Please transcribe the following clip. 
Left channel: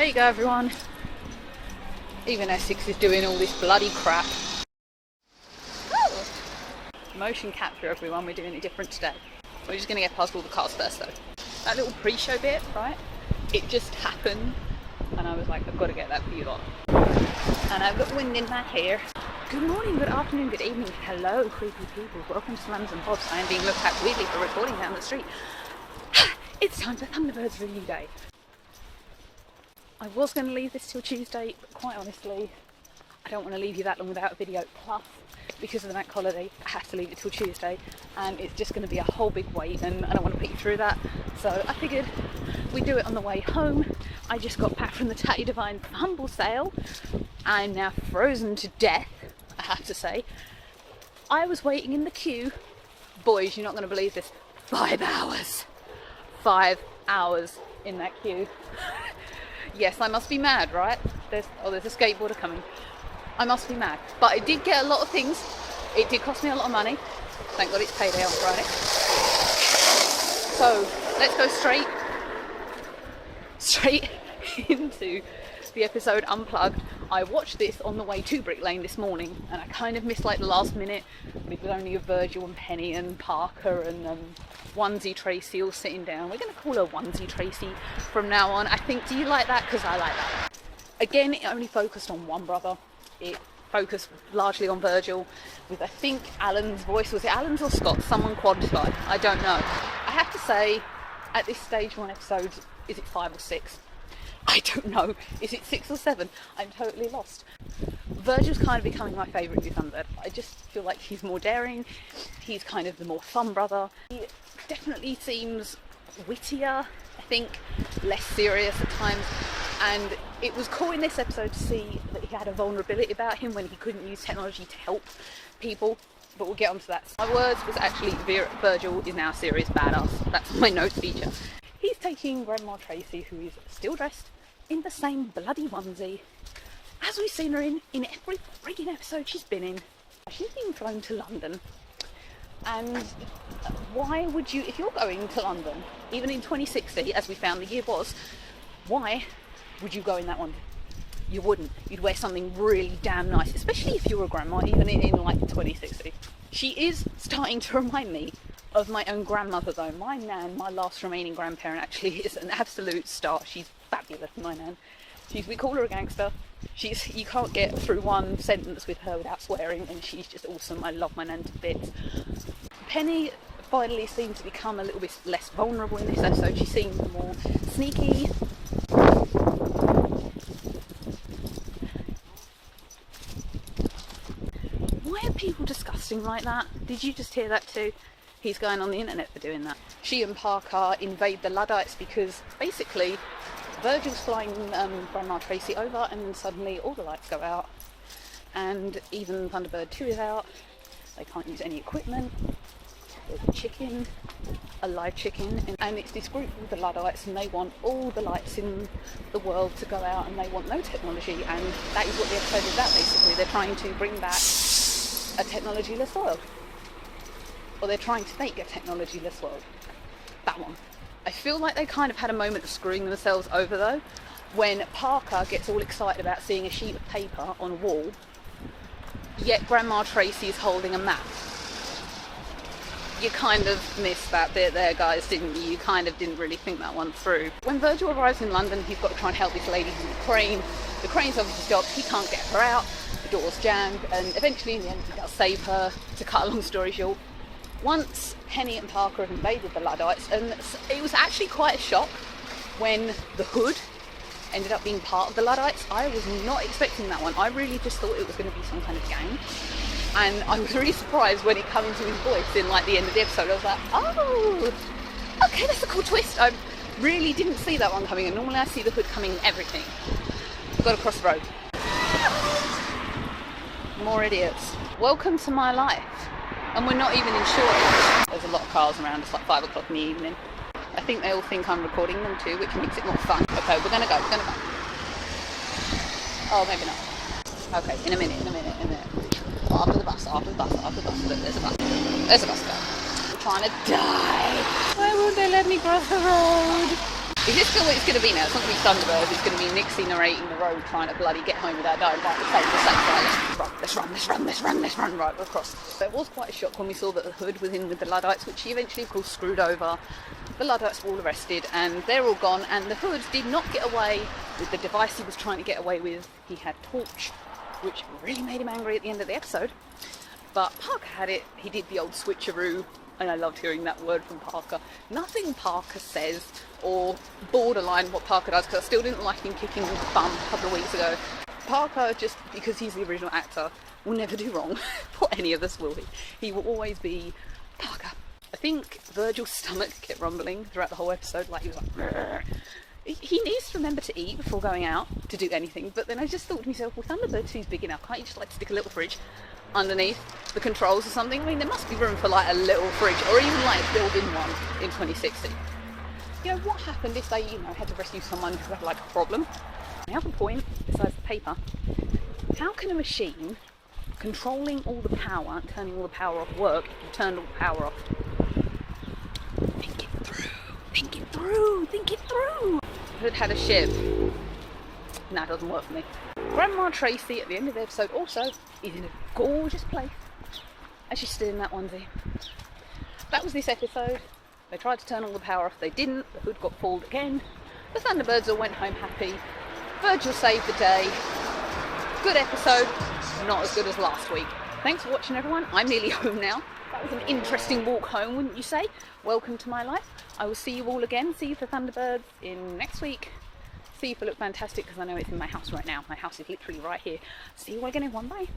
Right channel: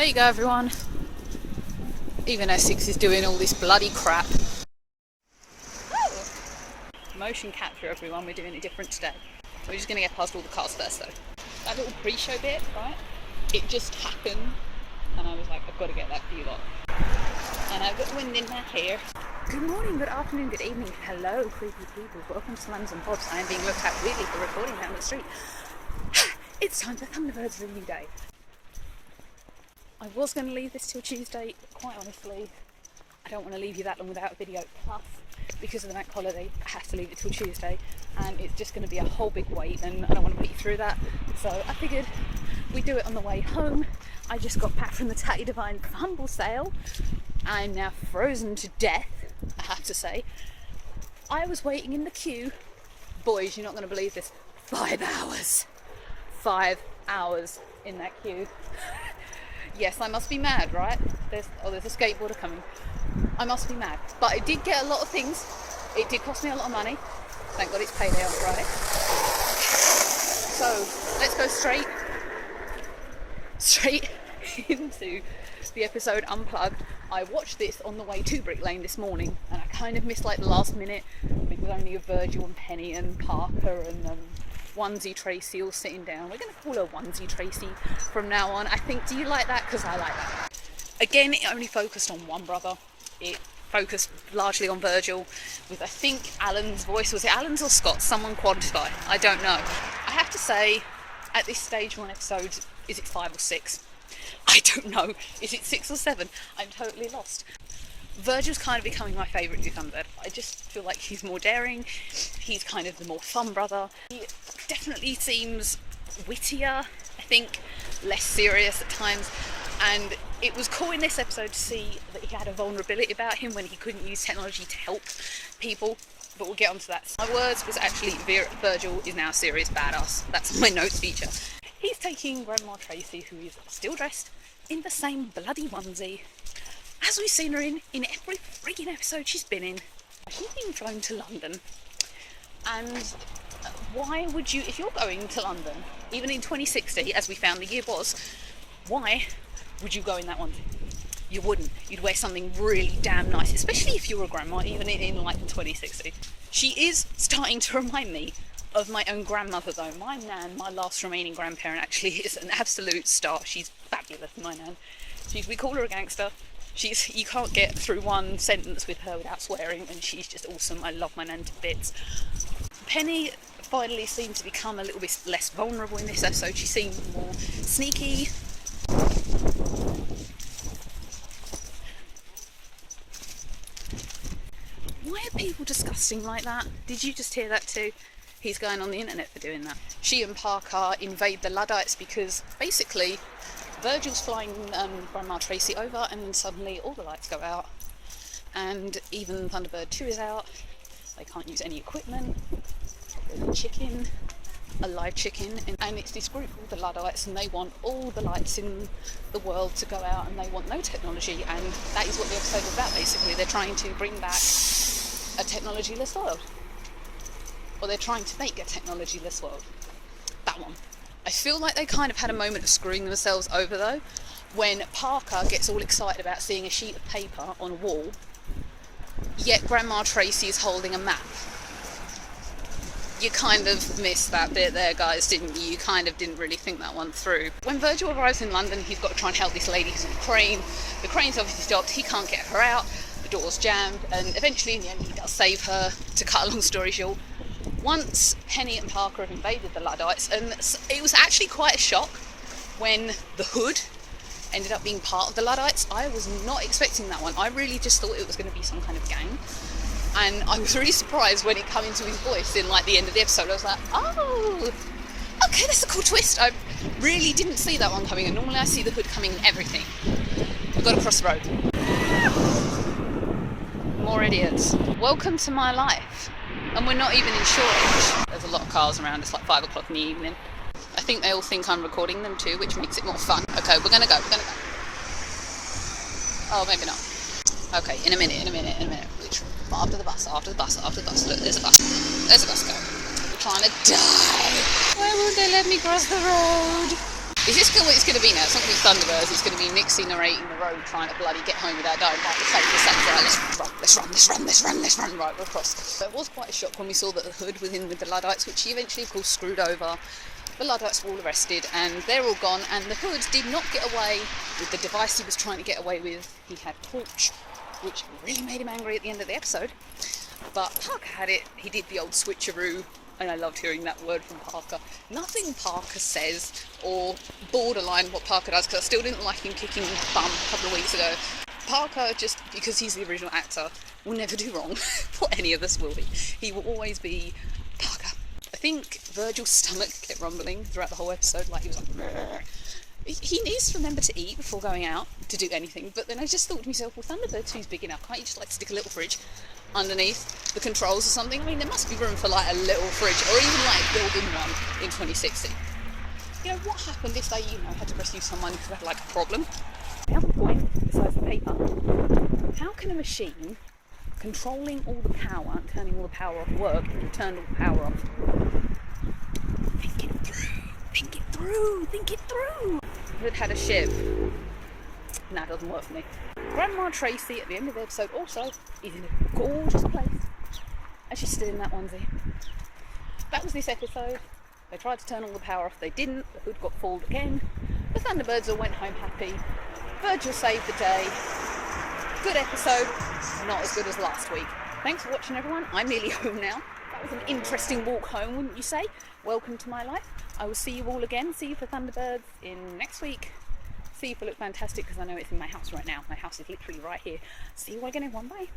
There you go, everyone. Even Essex is doing all this bloody crap. Oh. Motion capture, everyone. We're doing it different today. We're just going to get past all the cars first, though. That little pre-show bit, right? It just happened, and I was like, I've got to get that for you lot. And I've got wind in my hair. Good morning, good afternoon, good evening. Hello, creepy people. Welcome to Slams and Pods. I am being looked at weirdly for recording down the street. It's time for Thunderbirds review day. I was going to leave this till Tuesday, but quite honestly, I don't want to leave you that long without a video. Plus, because of the bank holiday, I have to leave it till Tuesday, and it's just going to be a whole big wait, and I don't want to put you through that. So I figured we'd do it on the way home. I just got back from the Tatty Divine Humble sale. I'm now frozen to death, I have to say. I was waiting in the queue. Boys, you're not going to believe this. 5 hours. 5 hours in that queue. Yes, I must be mad, right? There's a skateboarder coming. I must be mad. But I did get a lot of things. It did cost me a lot of money. Thank God it's payday on Friday. So let's go straight into the episode Unplugged. I watched this on the way to Brick Lane this morning, and I kind of missed like the last minute. It was only Virgil and Penny and Parker and Onesie Tracy all sitting down. We're going to call her Onesie Tracy from now on. I think, do you like that? Because I like that. Again, it only focused on one brother. It focused largely on Virgil, with I think Alan's voice. Was it Alan's or Scott's? Someone quantify. I don't know. I have to say, at this stage, one episode, is it 5 or 6? I don't know. Is it 6 or 7? I'm totally lost. Virgil's kind of becoming my favourite new Thunderbird. I just feel like he's more daring. He's kind of the more fun brother. He definitely seems wittier, I think, less serious at times. And it was cool in this episode to see that he had a vulnerability about him when he couldn't use technology to help people. But we'll get onto that. My words was actually Virgil is now a serious badass. That's my notes feature. He's taking Grandma Tracy, who is still dressed in the same bloody onesie as we've seen her in every frigging episode she's been in. She's been flown to London. And why would you, if you're going to London, even in 2060, as we found the year was, why would you go in that onesie? You wouldn't. You'd wear something really damn nice, especially if you're a grandma, even in like 2060. She is starting to remind me of my own grandmother, though. My nan, my last remaining grandparent, actually is an absolute star. She's fabulous, my nan. We call her a gangster. You can't get through one sentence with her without swearing, and she's just awesome. I love my nan to bits. Penny finally seemed to become a little bit less vulnerable in this episode. She seemed more sneaky. Why are people disgusting like that? Did you just hear that too? He's going on the internet for doing that. She and Parker invade the Luddites because basically Virgil's flying Grandma Tracy over, and then suddenly all the lights go out, and even Thunderbird 2 is out. They can't use any equipment. There's a chicken, a live chicken, and it's this group called the Luddites, and they want all the lights in the world to go out, and they want no technology, and that is what the episode is about. Basically, they're trying to bring back a technology-less world. Or they're trying to make a technology-less world. That one. I feel like they kind of had a moment of screwing themselves over, though, when Parker gets all excited about seeing a sheet of paper on a wall, yet Grandma Tracy is holding a map. You kind of missed that bit there, guys, didn't you? You kind of didn't really think that one through. When Virgil arrives in London, he's got to try and help this lady who's in the crane. The crane's obviously stopped. He can't get her out. The door's jammed, and eventually, in the end, he does save her. To cut a long story short, once Penny and Parker have invaded the Luddites, and it was actually quite a shock when the Hood ended up being part of the Luddites. I was not expecting that one. I really just thought it was going to be some kind of gang, and I was really surprised when it came into his voice in like the end of the episode. I was like, oh, okay, that's a cool twist. I really didn't see that one coming, and normally I see the Hood coming in everything. We've got to cross the road. More idiots. Welcome to my life. And we're not even in Shoreditch. There's a lot of cars around. It's like 5 o'clock in the evening. I think they all think I'm recording them too, which makes it more fun. Okay, we're gonna go. Oh, maybe not. Okay, in a minute. Literally. After the bus. Look, there's a bus go. We're trying to die. Why won't they let me cross the road? Is this what it's going to be now? It's not going to be Thunderbirds, it's going to be Nixie narrating the road trying to bloody get home without dying. Right, let's run right across. So it was quite a shock when we saw that the hood was in with the Luddites, which he eventually of course screwed over. The Luddites were all arrested and they're all gone, and the hood did not get away with the device he was trying to get away with. He had torch, which really made him angry at the end of the episode. But Parker had it, he did the old switcheroo. And I loved hearing that word from Parker. Nothing Parker says, or borderline what Parker does, because I still didn't like him kicking bum a couple of weeks ago. Parker, just because he's the original actor, will never do wrong. For any of us, will he? He will always be Parker. I think Virgil's stomach kept rumbling throughout the whole episode, like he was like, "Rrr." He needs to remember to eat before going out to do anything. But then I just thought to myself, well, Thunderbirds 2's big enough. Can't you just like stick a little fridge underneath the controls or something? I mean, there must be room for like a little fridge, or even like build in one in 2060. You know, what happened if they, had to rescue someone who had like a problem? The other point, besides the paper, how can a machine controlling all the power and turning all the power off work if you turned all the power off? Think it through. Hood had a ship. Nah, it doesn't work for me. Grandma Tracy at the end of the episode also is in a gorgeous place, and she's still in that onesie. That was this episode. They tried to turn all the power off, they didn't. The hood got fooled again. The Thunderbirds all went home happy. Virgil saved the day. Good episode, not as good as last week. Thanks for watching, everyone. I'm nearly home now. That was an interesting walk home, wouldn't you say? Welcome to my life. I will see you all again. See you for Thunderbirds in next week. See you for Look Fantastic, because I know it's in my house right now. My house is literally right here. See you all again, everyone. Bye.